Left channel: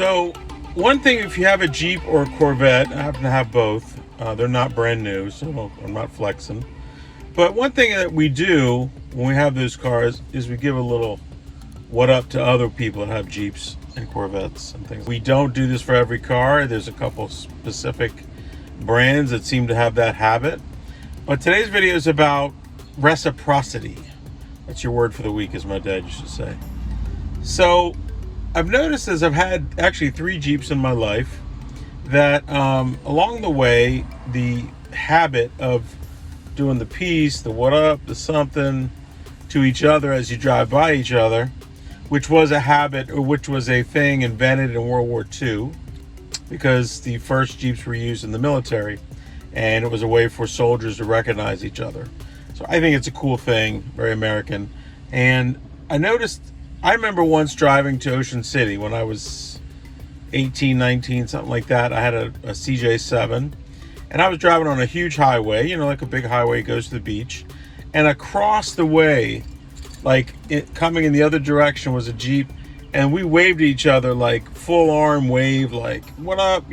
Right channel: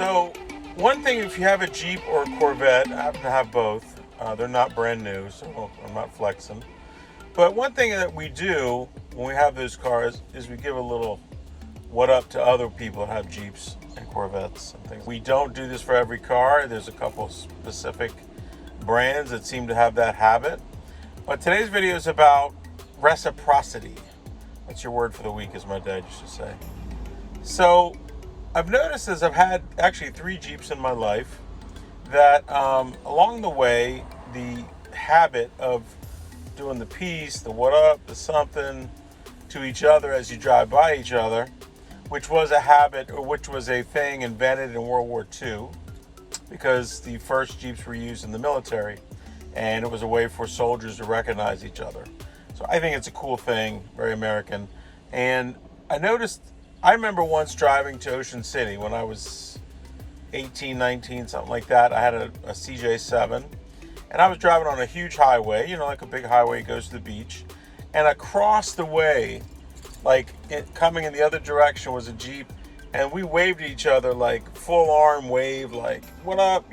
So, one thing, if you have a Jeep or a Corvette, I happen to have both. They're not brand new, so I'm not flexing. But one thing that we do when we have those cars is we give a little what up to other people that have Jeeps and Corvettes and things. We don't do this for every car. There's a couple specific brands that seem to have that habit. But today's video is about reciprocity. That's your word for the week, as my dad used to say. So I've noticed, as I've had actually 3 Jeeps in my life, that along the way, the habit of doing the peace, the what up, the something to each other as you drive by each other, which was a habit, or which was a thing invented in World War II, because the first Jeeps were used in the military, and it was a way for soldiers to recognize each other. So I think it's a cool thing, very American. And I remember once driving to Ocean City when I was 18, 19, something like that. I had a CJ7, and I was driving on a huge highway, like a big highway goes to the beach. And across the way, coming in the other direction, was a Jeep, and we waved at each other, like full arm wave, like what up,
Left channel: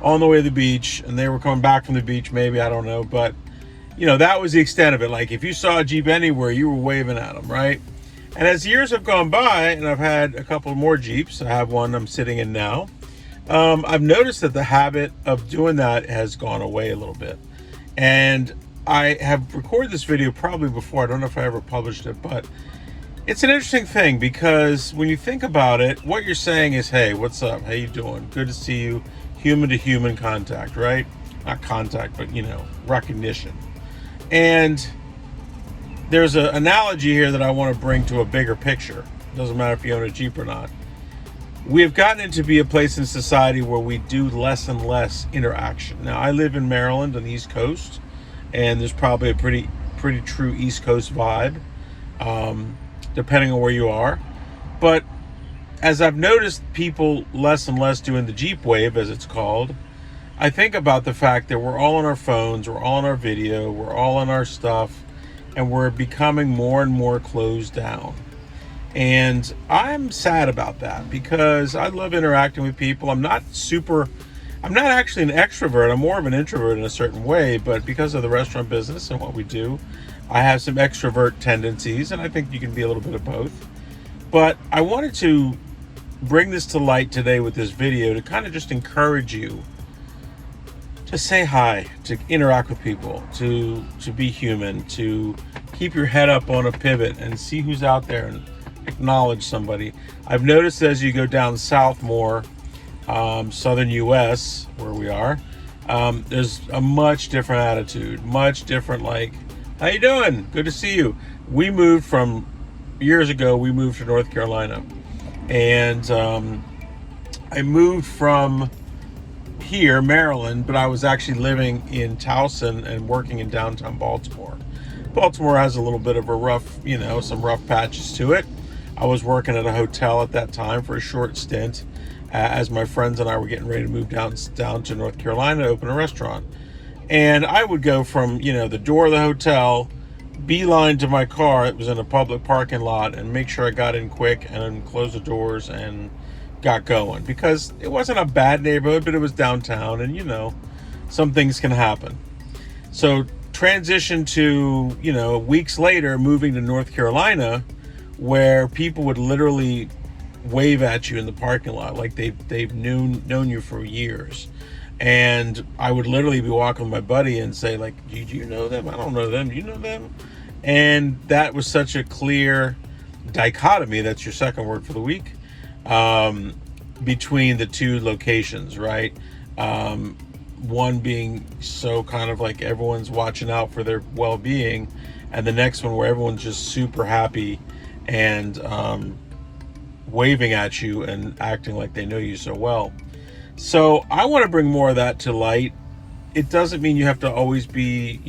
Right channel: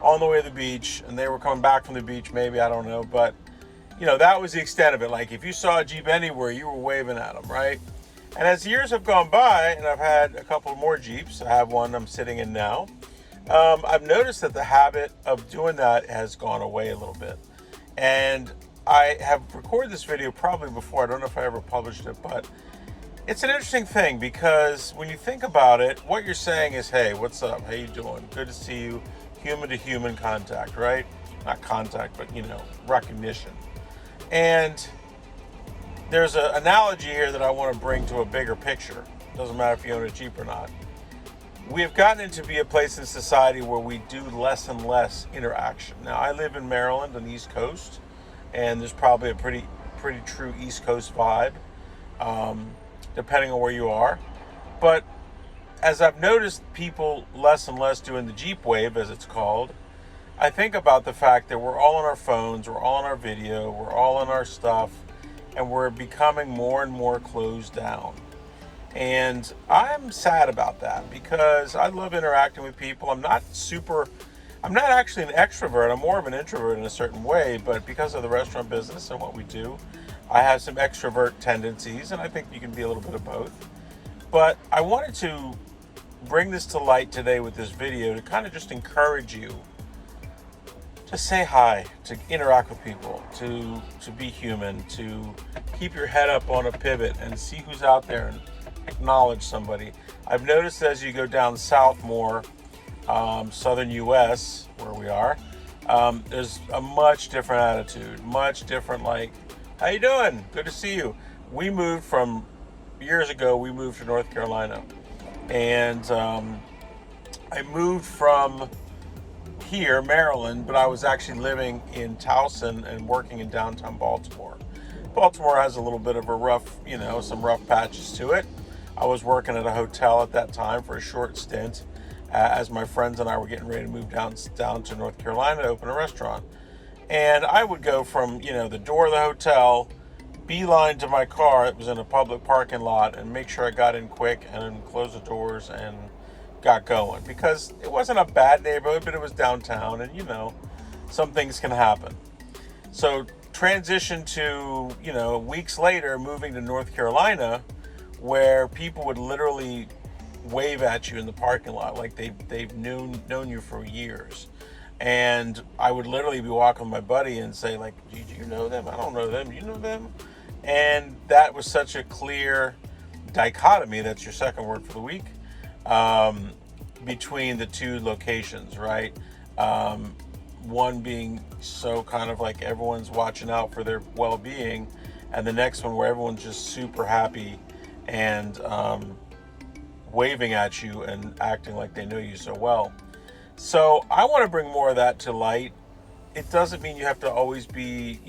on the way to the beach. And they were coming back from the beach, maybe, I don't know. But, that was the extent of it. Like, if you saw a Jeep anywhere, you were waving at them, right? And as years have gone by, and I've had a couple more Jeeps, I have one I'm sitting in now, I've noticed that the habit of doing that has gone away a little bit. And I have recorded this video probably before. I don't know if I ever published it, but it's an interesting thing, because when you think about it, what you're saying is, hey, what's up? How you doing? Good to see you. Human to human contact, right? Not contact, but, recognition. And there's an analogy here that I want to bring to a bigger picture. Doesn't matter if you own a Jeep or not. We have gotten it to be a place in society where we do less and less interaction. Now, I live in Maryland on the East Coast, and there's probably a pretty true East Coast vibe, depending on where you are. But as I've noticed people less and less doing the Jeep wave, as it's called, I think about the fact that we're all on our phones, we're all on our video, we're all on our stuff, and we're becoming more and more closed down. And I'm sad about that, because I love interacting with people. I'm not actually an extrovert. I'm more of an introvert in a certain way, but because of the restaurant business and what we do, I have some extrovert tendencies, and I think you can be a little bit of both. But I wanted to bring this to light today with this video to kind of just encourage you to say hi, to interact with people, to be human, to keep your head up on a pivot and see who's out there and acknowledge somebody. I've noticed as you go down south more, southern US, where we are, there's a much different attitude, much different, like, how you doing? Good to see you. Years ago, we moved to North Carolina. And I moved from here, Maryland, but I was actually living in Towson and working in downtown Baltimore. Baltimore has a little bit of a rough, some rough patches to it. I was working at a hotel at that time for a short stint, as my friends and I were getting ready to move down to North Carolina to open a restaurant. And I would go from, the door of the hotel, beeline to my car. It was in a public parking lot, and make sure I got in quick and closed the doors and got going, because it wasn't a bad neighborhood, but it was downtown, and some things can happen. So transition to, weeks later, moving to North Carolina, where people would literally wave at you in the parking lot like they've known you for years. And I would literally be walking with my buddy and say, like, do you know them? I don't know them. Do you know them? And that was such a clear dichotomy, that's your second word for the week, between the two locations, right? One being so kind of like everyone's watching out for their well-being, and the next one where everyone's just super happy and waving at you and acting like they know you so well. So I want to bring more of that to light. It doesn't mean you have to always be,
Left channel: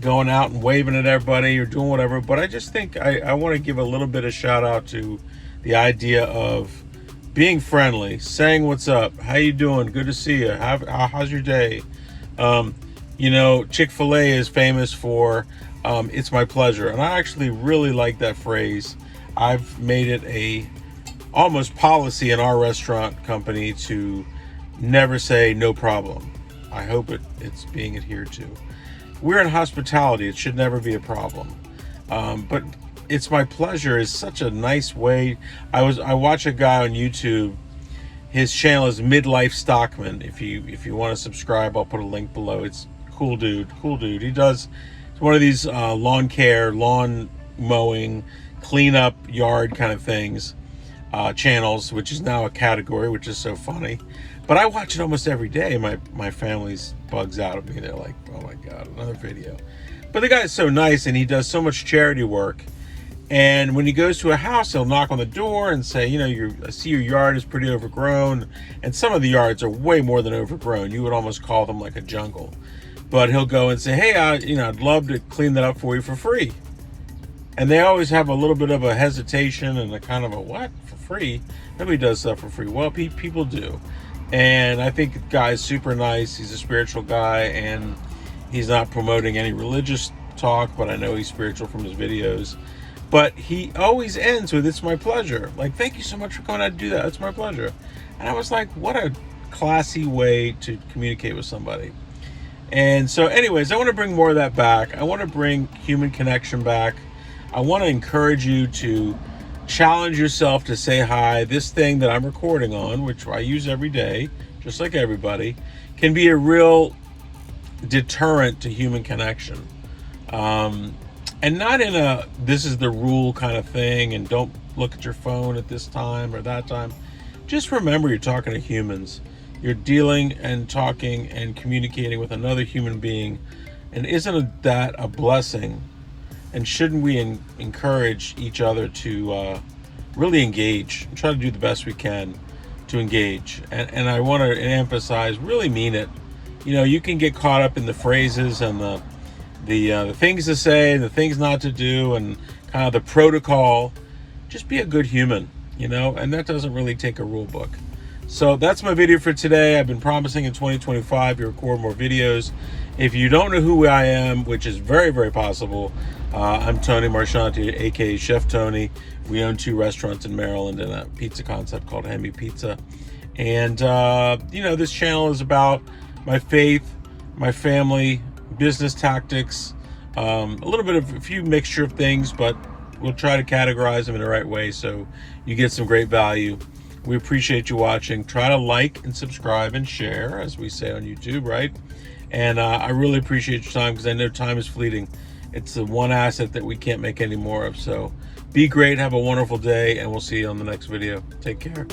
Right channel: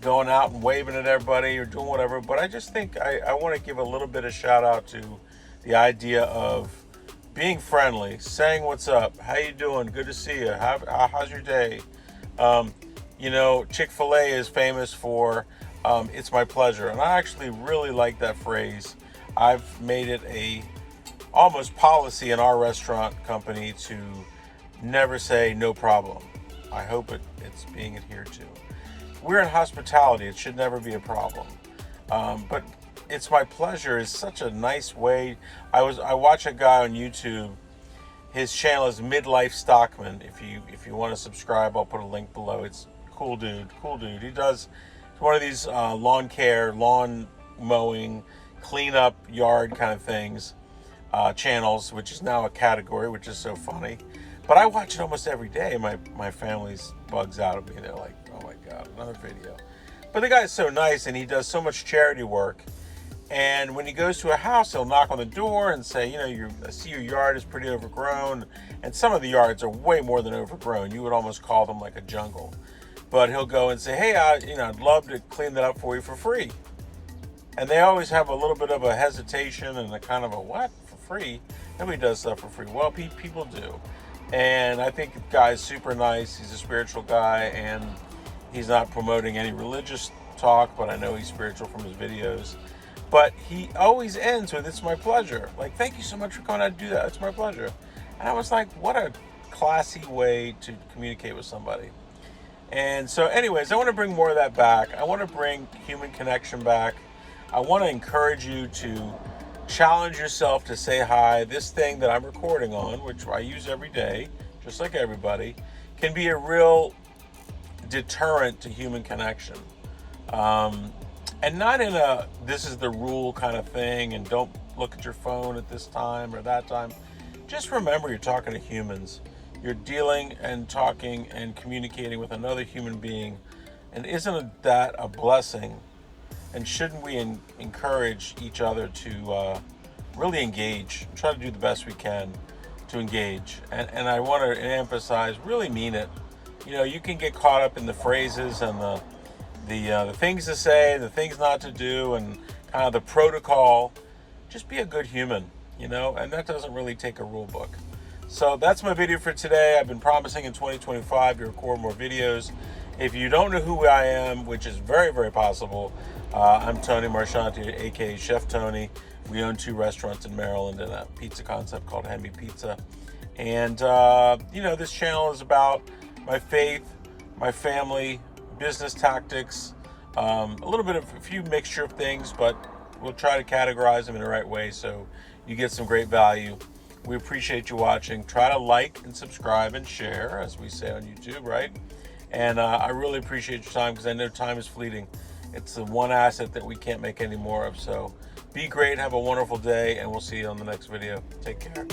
going out and waving at everybody or doing whatever, but I just think I want to give a little bit of shout out to the idea of being friendly, saying what's up, how you doing, good to see you, how's your day. Chick-fil-A is famous for it's my pleasure, and I actually really like that phrase. I've made it a almost policy in our restaurant company to never say no problem. I hope it's being adhered to. We're in hospitality. It should never be a problem. But it's my pleasure is such a nice way. I watch a guy on YouTube. His channel is Midlife Stockman. If you want to subscribe, I'll put a link below. It's cool dude. He does one of these lawn care, lawn mowing, clean up yard kind of things, channels, which is now a category, which is so funny. But I watch it almost every day. My family's bugs out at me. They're like, oh my God, another video. But the guy is so nice, and he does so much charity work. And when he goes to a house, he'll knock on the door and say, I see your yard is pretty overgrown. And some of the yards are way more than overgrown. You would almost call them like a jungle. But he'll go and say, hey, I'd love to clean that up for you for free. And they always have a little bit of a hesitation and a kind of a, what? For free? Nobody does stuff for free. Well, people do. And I think the guy is super nice. He's a spiritual guy, and he's not promoting any religious talk, but I know he's spiritual from his videos. But he always ends with, it's my pleasure. Like, thank you so much for coming out to do that. It's my pleasure. And I was like, what a classy way to communicate with somebody. And so anyways, I want to bring more of that back. I want to bring human connection back. I want to encourage you to challenge yourself to say hi. This thing that I'm recording on, which I use every day, just like everybody, can be a real deterrent to human connection. And not in a, this is the rule kind of thing, and don't look at your phone at this time or that time. Just remember you're talking to humans. You're dealing and talking and communicating with another human being. And isn't that a blessing? And shouldn't we encourage each other to really engage and try to do the best we can to engage? And I want to emphasize, really mean it. You can get caught up in the phrases and the things to say, the things not to do, and kind of the protocol. Just be a good human, and that doesn't really take a rule book. So that's my video for today. I've been promising in 2025 to record more videos. If you don't know who I am, which is very, very possible, I'm Tony Marchionte, aka Chef Tony. We own 2 restaurants in Maryland and a pizza concept called Hemi Pizza. And, this channel is about my faith, my family, business tactics, a few mixture of things, but we'll try to categorize them in the right way so you get some great value. We appreciate you watching. Try to like and subscribe and share, as we say on YouTube, right? And I really appreciate your time, because I know time is fleeting. It's the one asset that we can't make any more of. So be great, have a wonderful day, and we'll see you on the next video. Take care.